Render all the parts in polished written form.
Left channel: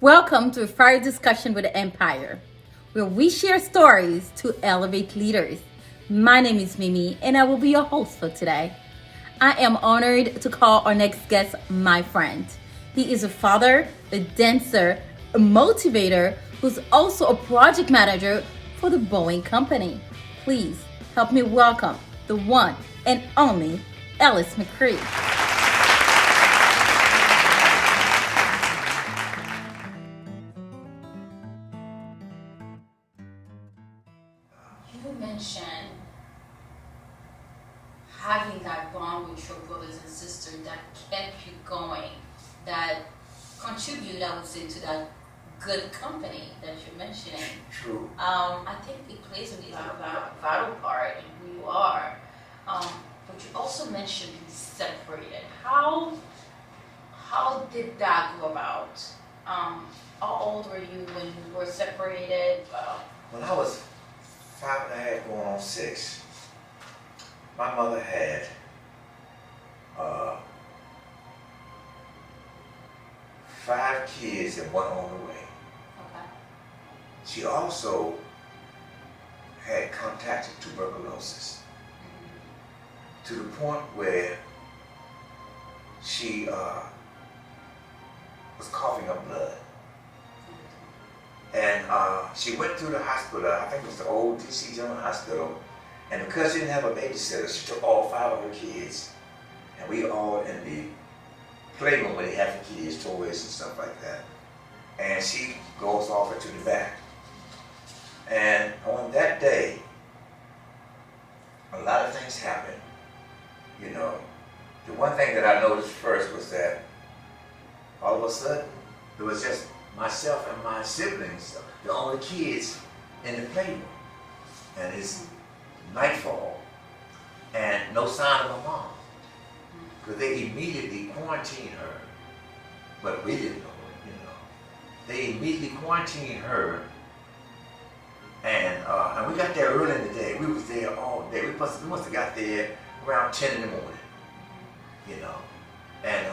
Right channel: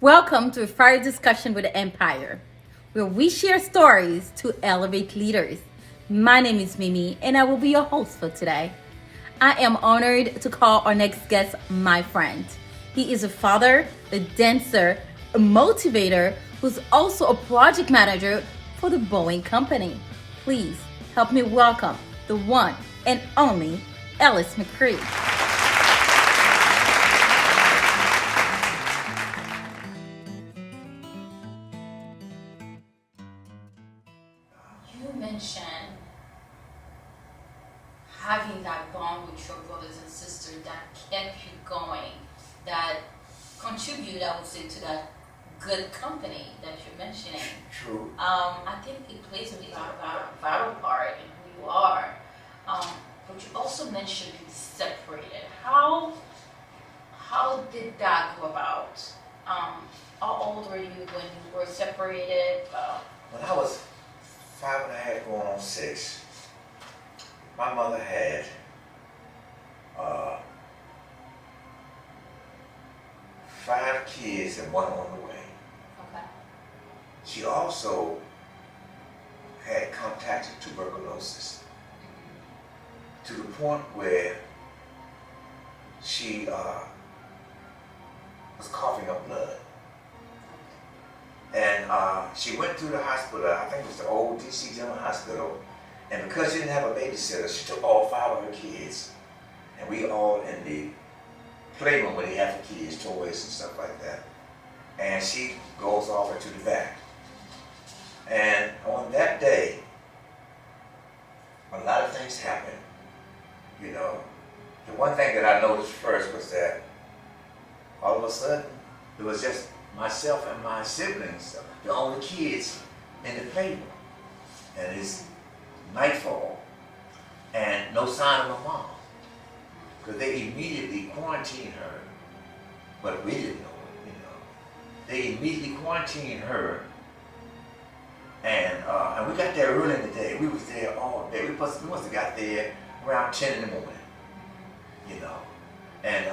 Welcome to a fire discussion with Empire, where we share stories to elevate leaders. My name is Mimi, and I will be your host for today. I am honored to call our next guest my friend. He is a father, a dancer, a motivator, who's also a project manager for the Boeing Company. Please help me welcome the one and only Ellis McCree. You mentioned having that bond with your brothers and sisters that kept you going, that contribute, I would say, to that good company that you're mentioning. True. I think it plays a vital part in who you are. But you also mentioned being separated. How did that go about? How old were you when you were separated? When I was 5.5 going on 6, my mother had uh, 5 kids and one on the way. Okay. She also had contracted tuberculosis to the point where she was coughing up blood. And she went through the hospital, I think it was the old DC General Hospital, and because she didn't have a babysitter, she took all 5 of her kids, and we all in the playroom where they have the kids, toys and stuff like that. And she goes off to the back. And on that day, a lot of things happened. You know, the one thing that I noticed first was that all of a sudden, it was just myself and my siblings, the only kids in the playroom. And it's nightfall, and no sign of my mom. Because they immediately quarantined her, but we didn't know, you know. They immediately quarantined her, and we got there early in the day. We was there all day. We must have got there around 10 in the morning, you know. And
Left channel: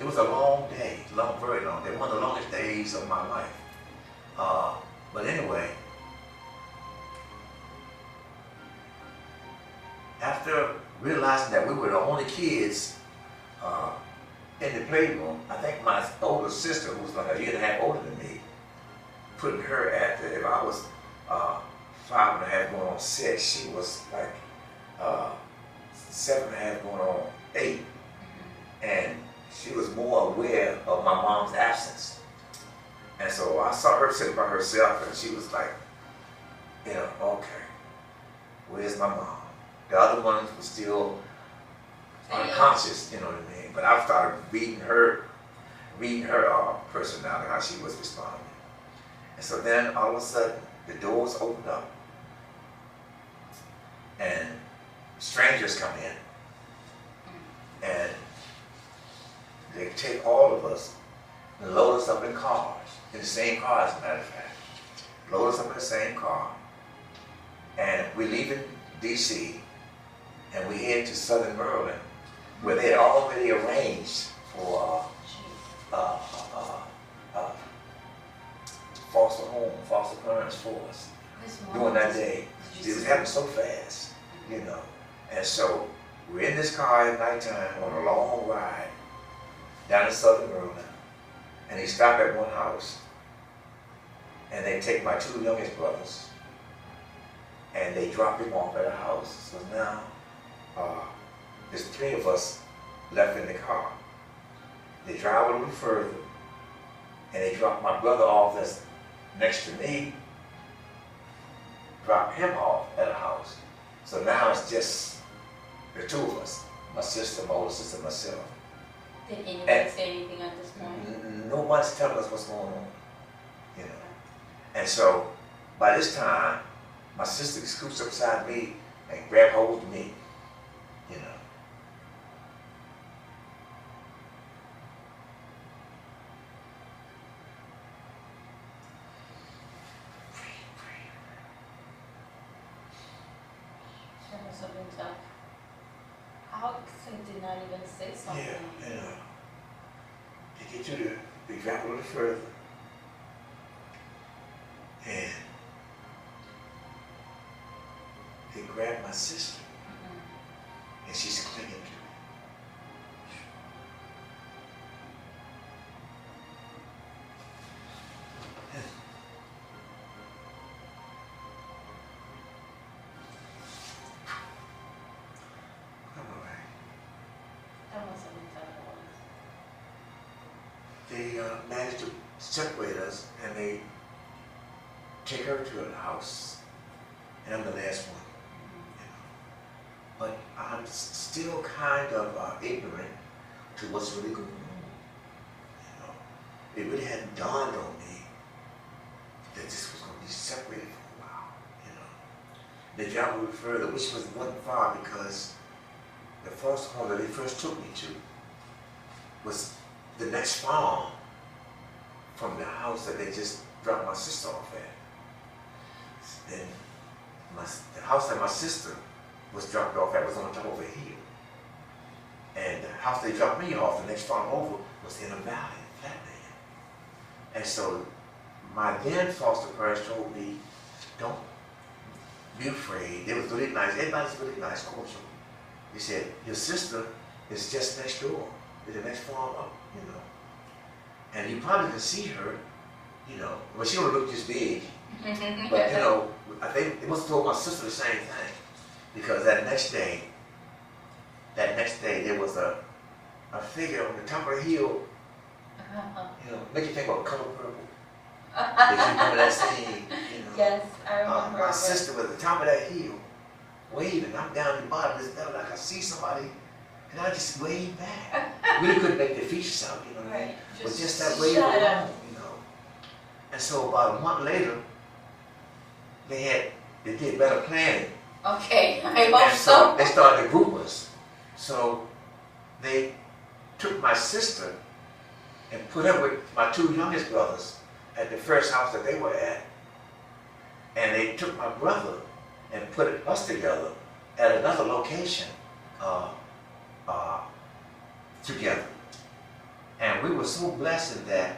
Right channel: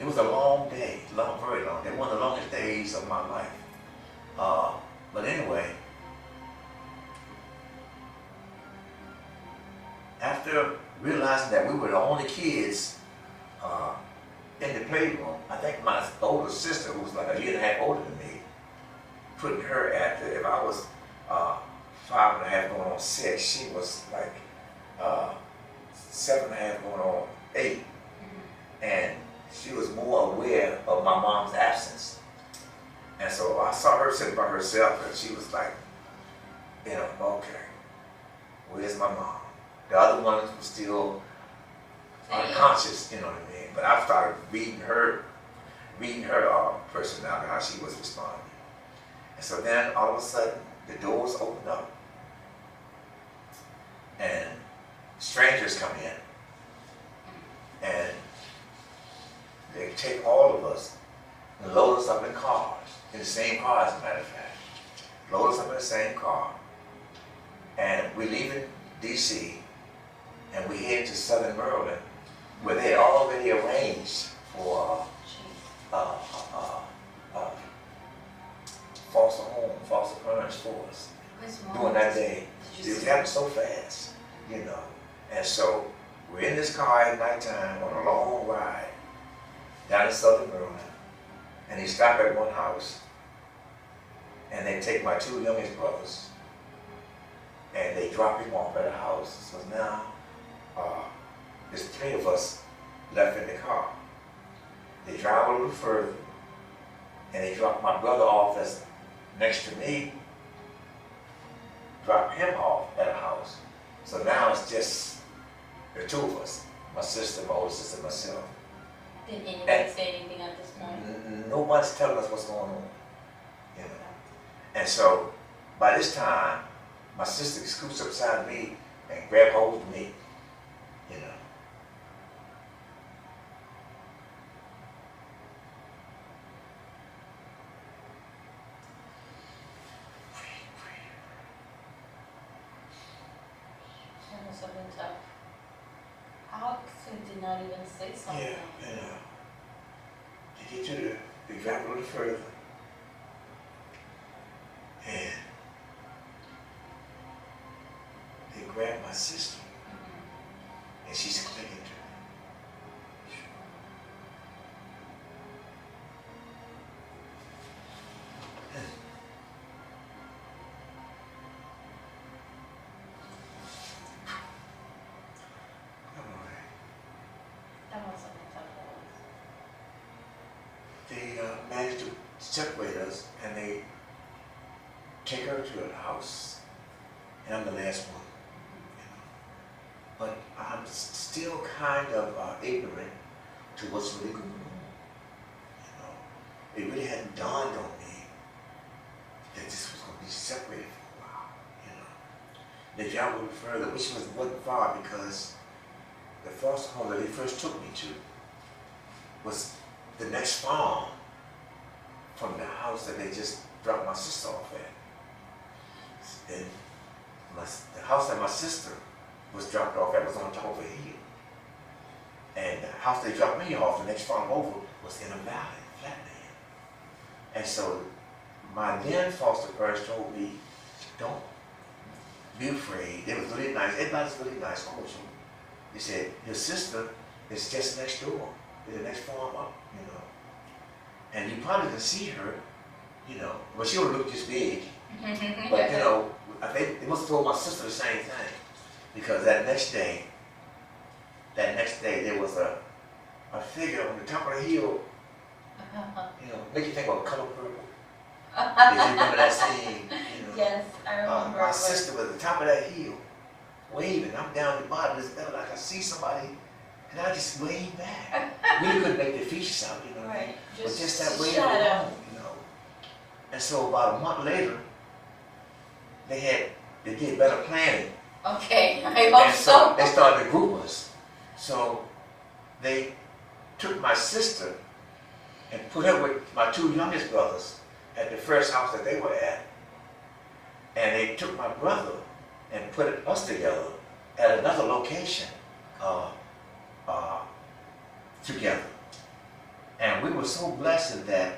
it was a long day, very long day, one of the longest days of my life. But anyway, after realizing that we were the only kids in the playroom, I think my older sister, who was like a year and a half older than me, putting her at if I was 5.5 going on 6, she was like 7.5 going on 8. And she was more aware of my mom's absence. And so I saw her sitting by herself, and she was like, you know, okay, where's my mom? The other ones were still unconscious, you know what I mean? But I started reading her personality, how she was responding. And so then all of a sudden, the doors opened up, and strangers come in, and they take all of us and load us up in cars, in the same car as a matter of fact. Load us up in the same car, and we leave in DC, and we head to Southern Maryland, where they had already arranged for foster parents for us during that day. It was happening so fast, you know. And so we're in this car at nighttime on a long ride down in Southern Maryland, and they stop at one house, and they take my 2 youngest brothers, and they drop him off at a house. So now, there's 3 of us left in the car. They drive a little further, and they drop my brother off that's next to me, drop him off at a house. So now it's just the 2 of us, my sister, my older sister, myself. Did anybody say anything at this point? Nobody's telling us what's going on, you know. And so by this time, my sister scoots up beside me and grab hold of me, you know. That must have been tough. How come you did not even say something? Yeah, you know. To get you to, they grab a little further, grabbed my sister, and she's clinging to me. That was something tough. They managed to separate us, and they take her to the house, and I'm the last one, you know. But I'm still kind of ignorant to what's really going on, you know. It really hadn't dawned on me that this was going to be separated for a while, you know. They traveled a little further, which wasn't far, because the first home that they first took me to was the next farm from the house that they just dropped my sister off at. And the house that my sister was dropped off at was on top of a hill. And the house they dropped me off, the next farm over, was in a valley, a flatland. And so my then foster parents told me, don't be afraid. They was really nice. Everybody's really nice, cordial. They said, your sister is just next door, in the next farm up, you know. And you probably can see her, you know. Well, she would look just big. But, you know, I think they must have told my sister the same thing. Because that next day, there was a figure on the top of the hill, you know, make you think of Color Purple. Did you remember that scene? You know, Yes, I remember. my sister was at the top of that hill, waving. I'm down at the bottom of this hill. I could see somebody, and I just waved back. Really couldn't make the features out, you know. Right. But just that wave alone, you know. And so about a month later, they did better planning. Okay, I And hope so so. they started to group us. So they took my sister and put her with my two youngest brothers at the first house that they were at. And they took my brother and put us together at another location together. And we were so blessed in that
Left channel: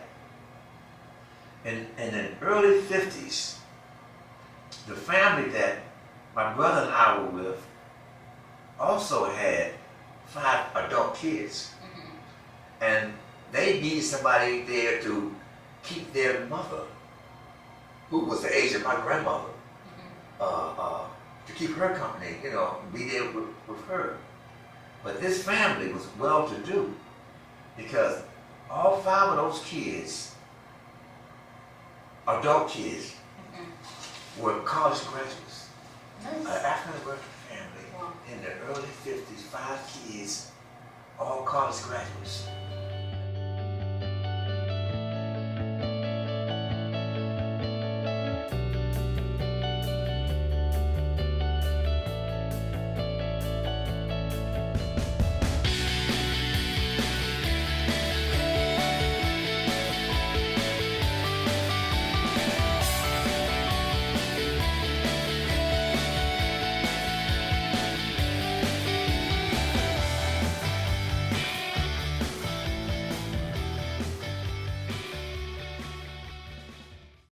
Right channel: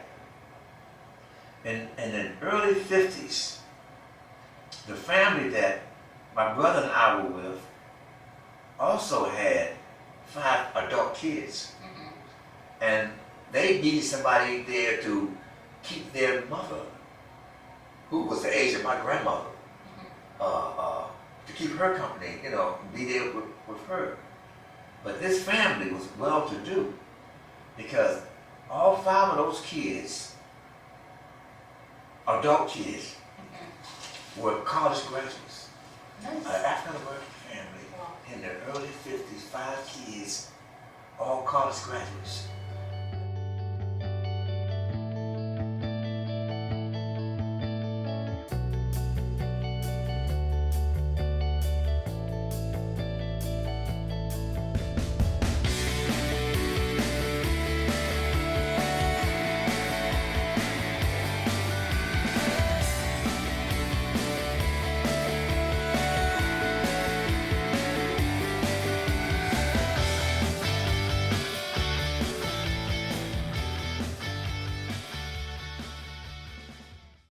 in the early 50s, the family that my brother and I were with also had 5 adult kids. And they needed somebody there to keep their mother, who was the age of my grandmother, to keep her company, you know, and be there with her. But this family was well-to-do because all 5 of those kids, adult kids, were college graduates. Nice. An African-American family in the early 50s, 5 kids, all college graduates.